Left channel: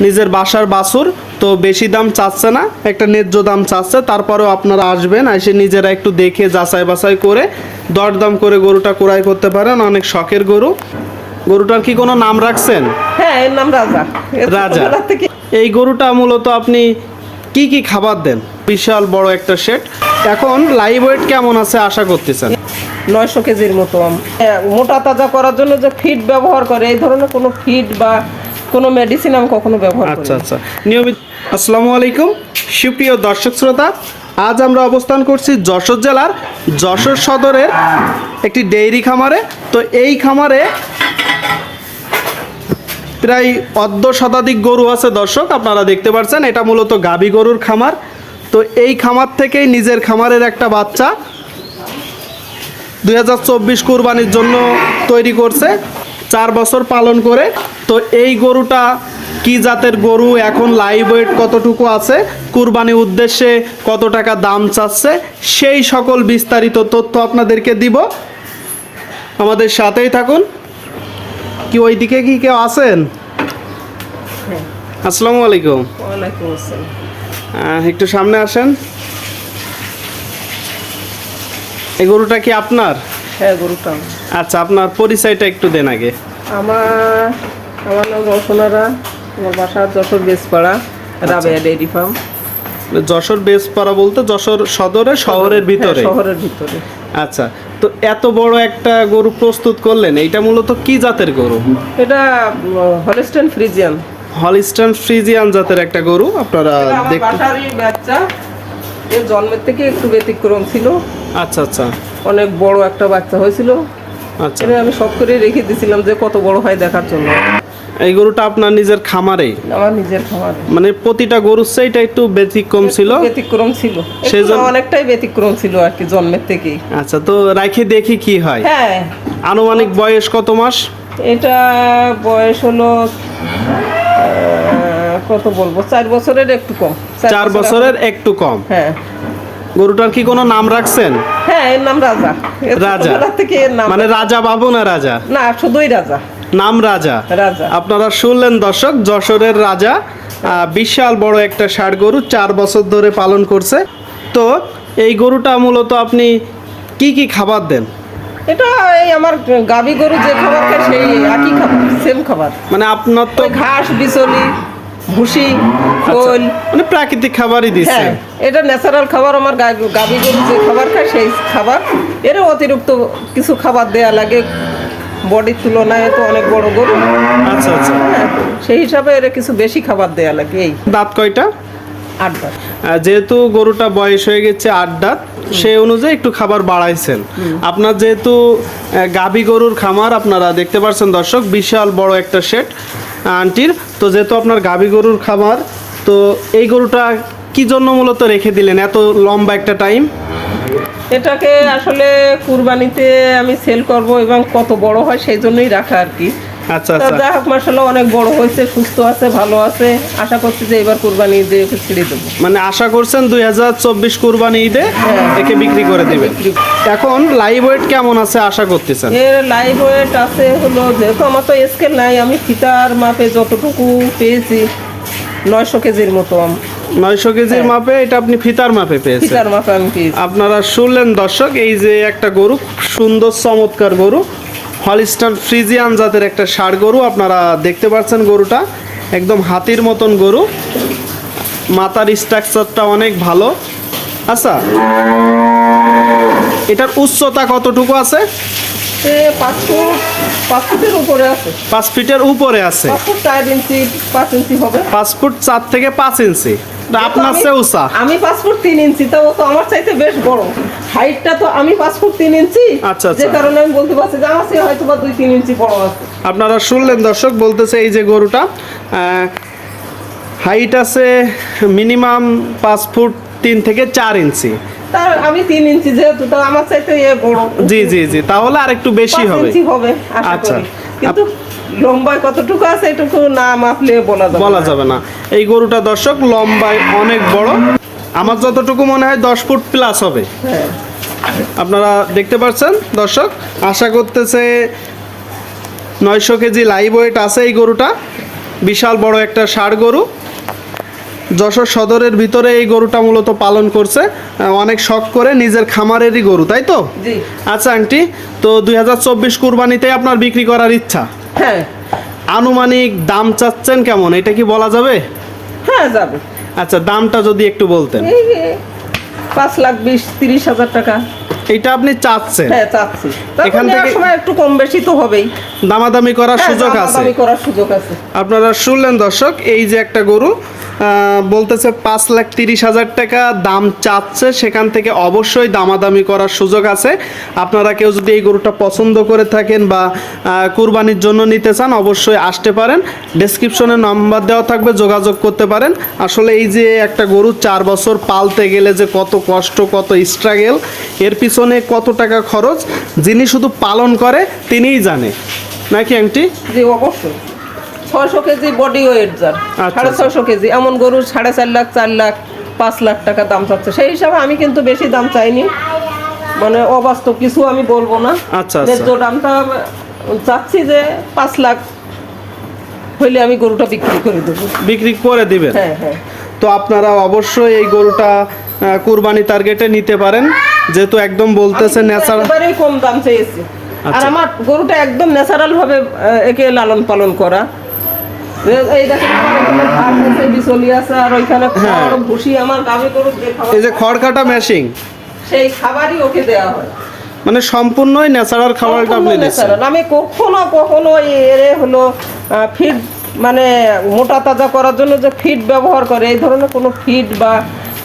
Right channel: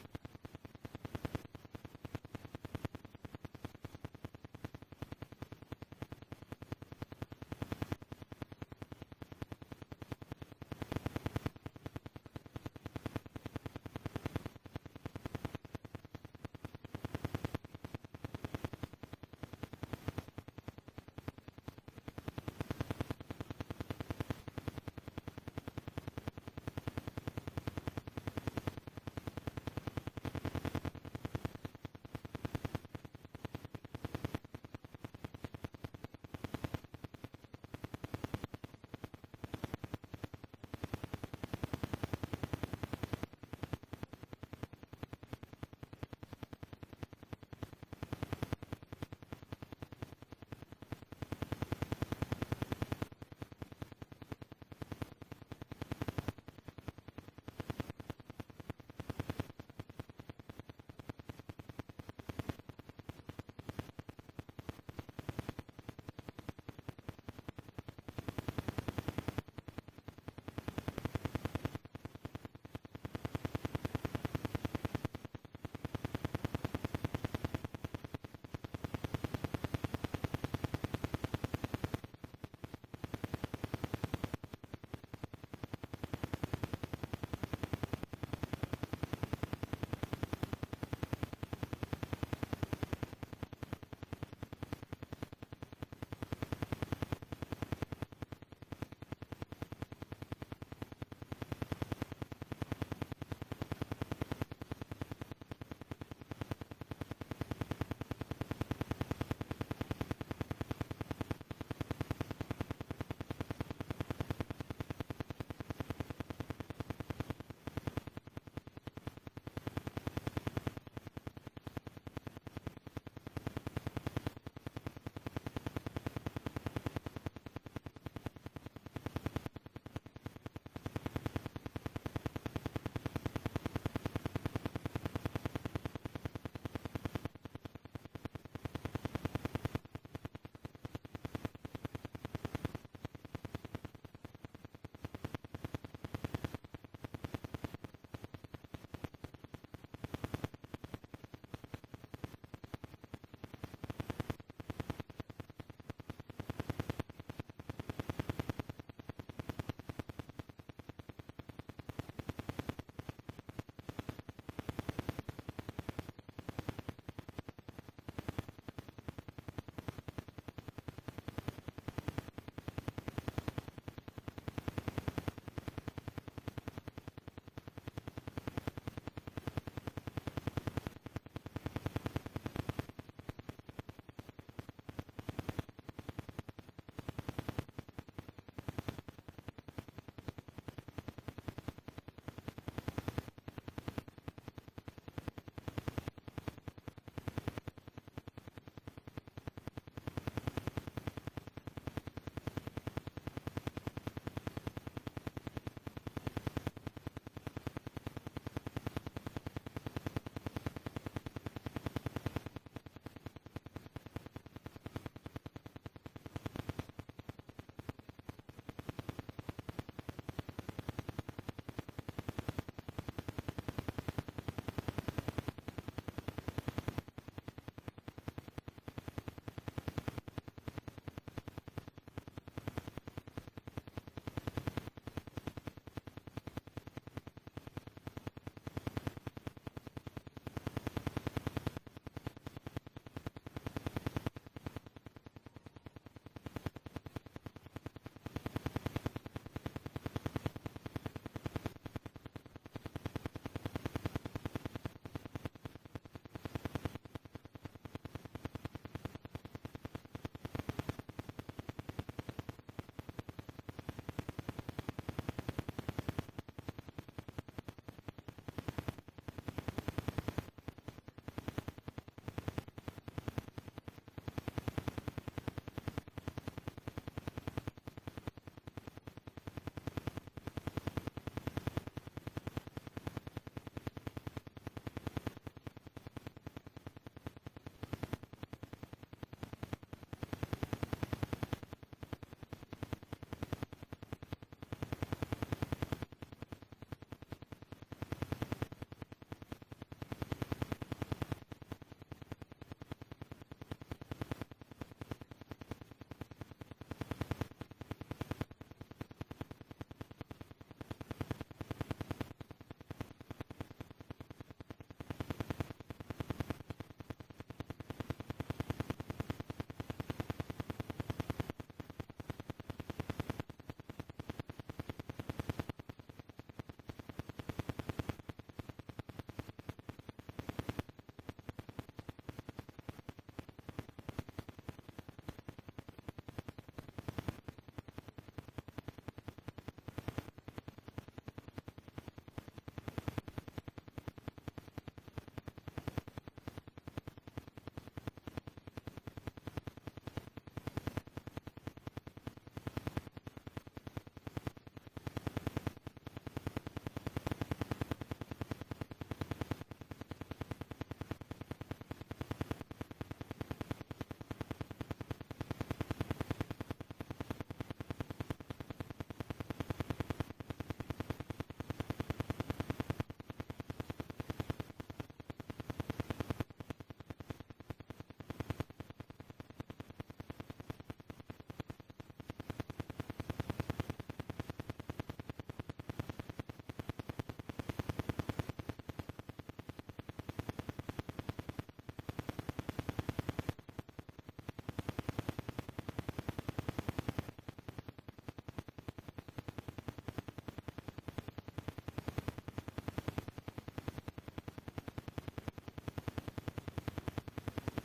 নিজের বাসার বাছুর তো বেশি দাম চাচ্ছে না একটা ন্যায্য দাম চাচ্ছে তারপরেও আপনারা আসবেন এসে নিজেরা একটু দেখে যাচাই বাছাই করে দরদাম করে গরুটা ক্রয় করতে পারেন অনেক শখের গরু। গরুটার কি কোনো নাম রাখছেন? হ্যাঁ এর নাম রাজা। রাজা। এই গরুটা মূলত আপনি কি কি খাবার দেন? বিশাল বড় একটা শেড এখন লাইভ ওয়েট কেমন আছে আশা করতেছেন? নয়শো কেজির মতো হ্যাঁ, মোটা তাজা করার জন্য যে ফিড ব্যবহার করে এই ধরনের কোনো ফিড বা কোনো মেডিসিন আমি কখনো ব্যবহার করি আচ্ছা আচ্ছা। নিয়মিত আসসালামু আলাইকুম। সুপ্রিয় দর্শক শ্রোতা আজ আমরা অবস্থান করছি যশোর জেলার যশোর সদরের একটি ডেইরি খামারে। তো এই খামারে প্রায় অর্ধ শতাধিক গরু আছে দর্শক আপনারা দেখতে পাচ্ছেন এটা মূলত গাবি গরুর খামার। তো এই খামার থেকেই নিজের খামারের একটা বাচ্চা দুই হাজার চব্বিশ কুরবানির জন্য তৈরি করছে। চার বছর পালন করে। তো এই গরুটা কি জাতের গরু? এখন লাইভ ওয়েট কতটুকু আছে? কুরবানি উদ্দেশ্যে কত টাকা দাম চাচ্ছে? সেই সকল বিস্তারিত তথ্য আপনাদেরকে দিব। আমাদের সাথেই থাকুন। কি ওই দিকে কি কেউ আছেন। আসসালামু আলাইকুম। একটু সামনে আসেন। এই গরুটা কি আপনার? হ্যাঁ গরুটা আচ্ছা আপনার পরিচয়টা একটু দেন আগে। আমার আমার নাম রসনারা আমার বাসা যশোর বেসপাড়া রাবেয়া ডেইরি ফার্ম। যশোর বেসপাড়া বলতে যশোর সদরে শহরের ভিতরে? হ্যাঁ, শহরের ভিতরে। আচ্ছা তো এত বড় একটা গরু প্রস্তুত করলেন এইটা মূলত কি জাতের গরু? এটা হলিস্টেন ফ্রিজিয়ান হলিস্টান ফ্রিজিয়ান জাতের একটা গরু আপনারা দেখতে বাচ্চা। এর জন্মের থেকে একটু ব্যতিক্রম ছিল। আচ্ছা আচ্ছা। অনেক বড় একটা বাচ্চা হয়েছিল। আচ্ছা। আমি সব করে রেখে দিয়েছিলাম যে কত বড় হয় দেখার জন্য। এই গরুটা আপনার নিজের খামারে? আমার নিজের খামার। মানে প্রতিটা গরুর সেইটা একটু ব্যতিক্রম ছিল? ব্যতিক্রম ছিল। সেই একটু জন্য- অনেকটাই ব্যতিক্রম ছিল আর কি জন্মের থেকেই। আচ্ছা তো রাখে দেখি কি হয়। হ্যাঁ। আনুমানিক বয়স কত মাস? এটা বয়স হলো কত বলব? চার বছরের একটু কম। চার বছরের একটু কম। হ্যাঁ। গরুটার কি কোনো নাম রাখছেন? হ্যাঁ এর নাম রাজা। রাজা। থেকে এর নাম মানে রাজা। বাবু না রাজা? না শুধুই রাজা। নাম রাজা। রাজা। আপনারা শুনলেন দর্শক যশোরের রাজা বিশাল বড় একটা ষাড় গরু চার বছর ধরে পালন করছে। তো এই গরুটা মূলত আপনি কি কি খাবার দেন? এটা এই আমার গাবি গরু যে খাবার খায় সেই একই খাবার সেম খাবার। মানে আপনার তো ঘাস বিচলি ভুসি খোল। মানে প্রাকৃতিক খাবারই হ্যাঁ দিচ্ছেন এটা ন্যাচারাল খাবার আমার গাভী গরু যে খাবার খায় সেই খাবার। এরও অতিরিক্ত কিছু খাবার দেয়া লাগে। বডির তুলনায় তো অনেক বড় গরু। আচ্ছা আচ্ছা। হ্যাঁ সেই হিসাবে এর কিছু বেশি খাবার দেয়া লাগে এই। দাঁত কয়টা? আহ, যেহেতু গরুটা বয়স হয়ে গেছে আট দাঁত সেই অনুযায়ী একটু খাবার বাড়াইছেন। আপনার যেহেতু গাভী গরুর খামার আপনারা দেখতে পাচ্ছেন দর্শক বিশাল বড় একটা সেট আন্টির। তো যেহেতু আপনার গাভী গরুর খাবার তো এই গরুটা কি জন্য মূলত রেখে দিলেন? এত লম্বা একটা টাইম? এটাকে আসলে কুরবানিতে আমি সেল করব এবং কত বড় হয় সেই জন্যই রাখা আর কি। আচ্ছা আচ্ছা। যাই হোক মাসাল্লাহ অনেক বড় হয়েছে সুস্থ আছে ভালো আছে। আশা করছি যে এবার কুরবানি ছেড়ে দেবো। মানে আশা করছেন দুই হাজার চব্বিশ কুরবানি ঈদে একে বিক্রি করে দিবেন। এখন লাইভ ওয়েট কেমন আছে আশা করতেছেন? এর লাইভ ওয়েট আছে হলো যেহেতু আমার তো স্কেল নাই আমি ফিতার মাপে যতটুকু পেয়েছি নয়শো কেজির মতো আম- নয়শো কেজির মাপে এটা আপনি ফিতার মাপে পেয়েছেন। ফিতার মাপে আমি পেয়েছি। আপনারা শুনলেন দর্শক এই যে একটা গরু সুন্দর চমৎকার গরু। হলিস্টার ফ্রিজিয়ান জাতের একটা ষাড় গরু আপনারা দেখতে পাচ্ছেন গরুটা। একদম হাতির মতন গরু। মাথার স্ট্রাকচারটা অনেক ভালো। আচ্ছা এটার উচ্চতা কতটুকু আছে? পাঁচ ফুট পাঁচ ফুটের উপরে আছে। পাঁচ ফুট চার ইঞ্চি পাঁচ ইঞ্চি হবে। পাঁচ ফুট চার থেকে পাঁচ ইঞ্চি। আপনার চেয়ে উঁচা আমি পাঁচ ফুট তিন ইঞ্চি তা ও তো আমার চাইতে বেশ বড়। হাইটটা তো আমি পাঁচ ফুট তিন ইঞ্চি আচ্ছা, আচ্ছা। যে কারণে আমি বলতে পারছি যে আমার চেয়ে হয়তো বা দুই তিন ইঞ্চি বড় আছে। আপনারা শুনলেন দর্শক বলতেছে এই যে গরুটা হাইট আছে মিনিমাম পাঁচ ফুট তিন থেকে চার ইঞ্চি। তার আমি তিন ইঞ্চি যেহেতু তা আমার চাইতে বড়। জি জি জি তাহলে আর একটু বেশি হবে। হবে আচ্ছা। কিন্তু লম্বায় কতটুকু আছে এটুকু না মাপলে বলা যাবে বলা যাবে না। এই গরুটা দর্শক লম্বায় অনেক বড়। আমার যতটুকু মনে হয় দশ ফুট প্লাস হবে। হ্যাঁ। আপনারা দেখতে পাচ্ছেন দর্শক? আশা করতেছে নয়শো কেজি লাইভ ওয়েট আছে এই গরুটা। বিশাল বড় একটা ষাড় গরু। যশোর সদরের ভিতরে এই গরুটা মূলত পালন করছে। অনেক শখ করে নিজের খামারেরই গরু তাই তো? আচ্ছা আন্টি তো দুই হাজার চব্বিশ কুরবানিতে আপনার বিক্রি করার ইচ্ছা? হ্যাঁ। আনুমানিক দাম চাচ্ছেন কেমন? এটা কি বলা যাবে? হ্যাঁ যাবে। আচ্ছা দামটা যদি একটু বলতেন। এই যে পাঁচ লাখ বিশ তিরিশ হাজার টাকা। এটা আপনি চাচ্ছেন? হ্যাঁ চাচ্ছি। এখান এখান থেকে- থেকে সময় একটু কম বেশি তো হবেই। দামাদামি করার হ্যাঁ, সুযোগ আছে। দামাদামি করার সুযোগ আছে। আপনারা শুনলেন দর্শক এই যে একটা গরু বলতেছে পাঁচ লাখ তিরিশ হাজার টাকা দাম চাচ্ছে। সেখান থেকে অবশ্যই দামাদামি করার সুযোগ আছে। আপনারা কেউ যদি এই গরুটা পছন্দ করে থাকেন বা কুরবানির জন্য নিতে চান, অবশ্যই আসতে পারেন। ডেসক্রিপশনে নাম্বার দেওয়া থাকবে, যোগাযোগ করতে পারেন। আসলে এই যে একটা গরু চার বছর পালতে গেলে যে কত কষ্ট, কত স্ট্রাগেল এর পিছনে কত টাকা খরচ, যিনি শুধু পালন করে, তিনিই জানে। নাকি আন্টি জি, অবশ্যই। ছয়শো কেজি বডি ওয়েট যার। আচ্ছা, সাড়ে আচ্ছা। ছয়শো কেজি। এমন গরুর সাড়ে চার লাখ চার লাখ পাঁচ লাখ টাকা দাম চাচ্ছে। সেই হিসাবে আমি কিন্তু বেশি দাম চাইনি। মানে অবাস্তব কিছু আমি বলব না। আচ্ছা, আচ্ছা। ন্যায্য দামটা চাচ্ছি যে পাঁচ লাখ হইলে আমি গরুটা বিক্রি করে দেবো। বিক্রি করে দিবেন? হ্যাঁ হ্যাঁ। তো আপনারা অবশ্যই এই গরুটা কুরবানি টার্গেটে নিতে পারেন। যেহেতু একদম বলতেছে আমি ন্যাচারাল একেবারেই কম দাম চেয়েছি। আর। আমার গরুটা একদম ন্যাচারাল ভাবে একে লালন পালন করা। এই হ্যাঁ। যে এই যে খড় কাটা মেশিং সেই খাবারই ওকে দেওয়া হয়। মানে সম্পূর্ণই ন্যাচারাল খাবারটা আপনি দিচ্ছেন। আমি কখনো কখনো এরে হলো ফিড মানে মোটা তাজা করার জন্য যে ফিড ব্যবহার করে এই ধরনের কোনো ফিড বা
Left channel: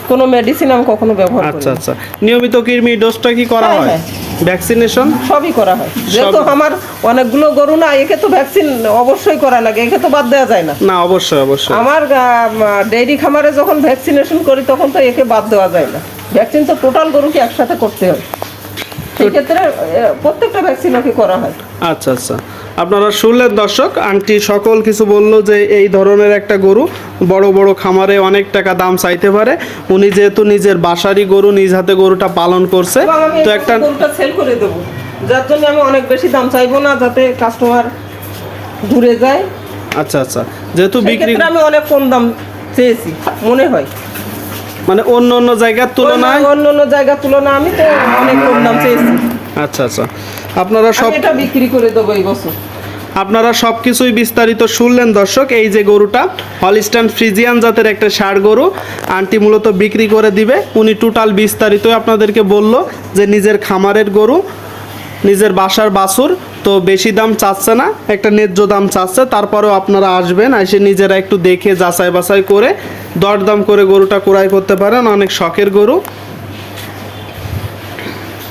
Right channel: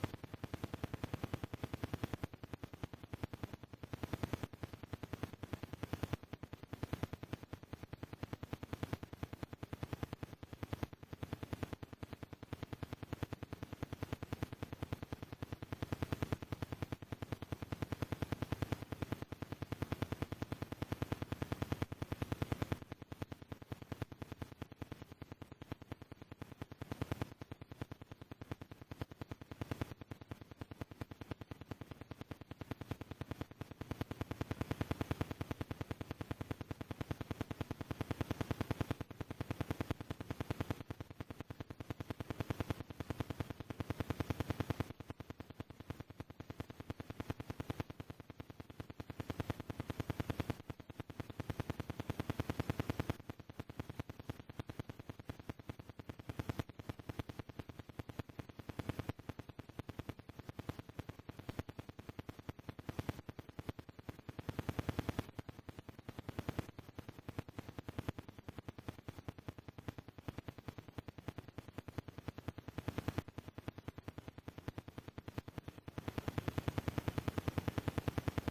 কোনো মেডিসিন আমি কখনো ব্যবহার করি আচ্ছা আচ্ছা। নিয়মিত কৃমি ডোজটা কি করা হ্যাঁ, হয়? হ্যাঁ। ভ্যাকসিনেশন সবই করা হয়। যেহেতু আমার অনেকগুলো গরু না একে তো ভ্যাকসিন অবশ্যই করা লাগে একে তো বাদ দেওয়া যায় না। না অবশ্যই অবশ্যই। আমার ডেইরি খামারে যখন ভ্যাকসিনেশন করি তখন তো একে বাদ দেওয়া যায় না। ভ্যাকসিন তো টোটাল গরুকে একসাথে করতে হয়। সেক্ষেত্রে প্রত্যেকটা ভ্যাকসিন ওকে করা হয়। আচ্ছা আচ্ছা। আপনারা শুনলেন দর্শক আন্টি সকল কিছু বলল যে এই ধরনের একটা গরু বড় বড় খামারে অনেক টাকা দাম চাইতে পারে। উনি যেহেতু নিজের বাসারই গরু নিজ হাতে গরুটা পালন করছে। তো একটা গরুটা সেল করে দেবো। যার জন্য আমি অনেক বেশি দাম চাইব না যাতে কাস্টমার ঘুরে যায়। আচ্ছা আচ্ছা। যেহেতু বিক্রি আমি অনেক কম দাম চেয়েছি মনে হয়। মানে অন্য অন্য জায়গার তুলনায়? অন্য অন্য জায়গার তুলনায় আমি তো অনেক কম আচ্ছা আচ্ছা। আপনারা সব এটা বিক্রি করে দেবো এই বছর। আপনারা সব কিছুই বিস্তারিত শুনলেন দর্শক। এই যে গরুটা হলিস্টান ফ্রিজিয়ান জাতের একটা ষাড় গরু আন্টি মূলত বিক্রি করে দিবে। উনি টোটাল বিস্তারিত আপনাদেরকে বলল যে নিজের খামারের গরু নিজের বাসার বাছুর তো বেশি দাম চাচ্ছে না একটা ন্যায্য দাম চাচ্ছে। তারপরেও আপনারা আসবেন এসে নিজেরা একটু দেখে যাচাই বাছাই করে দরদাম করে গরুটা ক্রয় করতে পারেন। অনেক শখের গরু।